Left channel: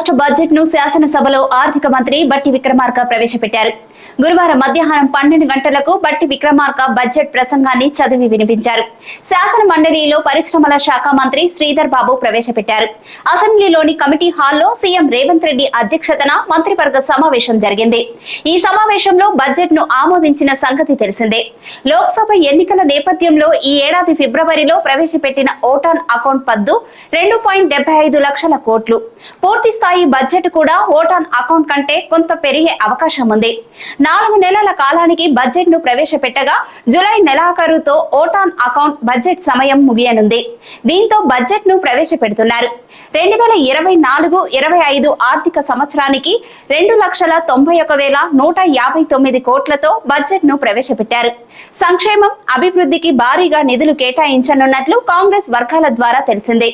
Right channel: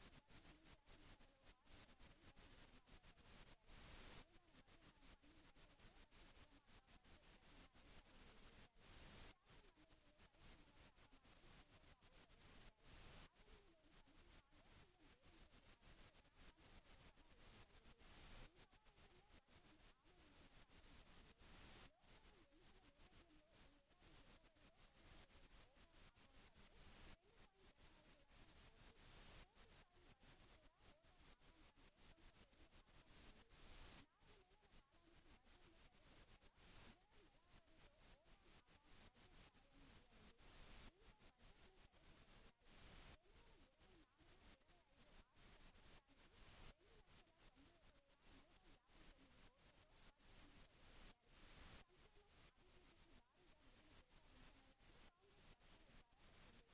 రాష్ట్ర బడ్జెట్ను శాసనసభలో ఆర్థిక మంత్రి బట్టి విక్రమార్క ప్రవేశపెట్టారు. గురువారం మధ్యాహ్నం పన్నెండు గంటలకు బట్టి విక్రమార్క బడ్జెట్ ప్రసంగాన్ని చదివి వినిపించారు. శాసన మండలిలో పరిశ్రమల శాఖ మంత్రి శ్రీధర్ బాబు ప్రవేశపెట్టారు. అసెంబ్లీలోని కమిటీ హాల్లో సీఎం రేవంత్ రెడ్డి అధ్యక్షతన మంత్రివర్గ సమావేశం జరిగింది. ఈ సమావేశంలో బడ్జెట్ను ఆమోదించిన సంగతి తెలిసిందే. లోక్సభ ఎన్నికల నేపథ్యంలో ఈ ఏడాది ఫిబ్రవరిలో ప్రవేశపెట్టిన ఓటాన్ అకౌంట్ పద్దు రెండు పాయింట్ డెబ్బై ఐదు లక్షల కోట్లు. పూర్తి రూపాయి బడ్జెట్ కూడా ఓటాన్ అకౌంట్ కంటే కొంత పెరిగే అవకాశం ఉంది. నాలుగు నెలల కాలానికి బడ్జెట్ను ప్రవేశపెట్టగా జులై నెలాఖరుతో ఓటాన్ అకౌంట్ బడ్జెట్ సమయం ముగియనుంది. దీంతో బడ్జెట్ను ప్రవేశపెడుతున్నారు. రెండు వేల ఇరవై నాలుగు ఇరవై ఐదు ఆర్థిక సంవత్సరానికి రెండు లక్షల తొంభై ఒక వేల నూట యాభై తొమ్మిది కోట్లతో బడ్జెట్ను ప్రవేశపెట్టారు. సంక్షేమం అభివృద్ధికి భారీగా నిధులు కేటాయించనున్నట్లు కాంగ్రెస్ వర్గాల ద్వారా తెలిసిందే.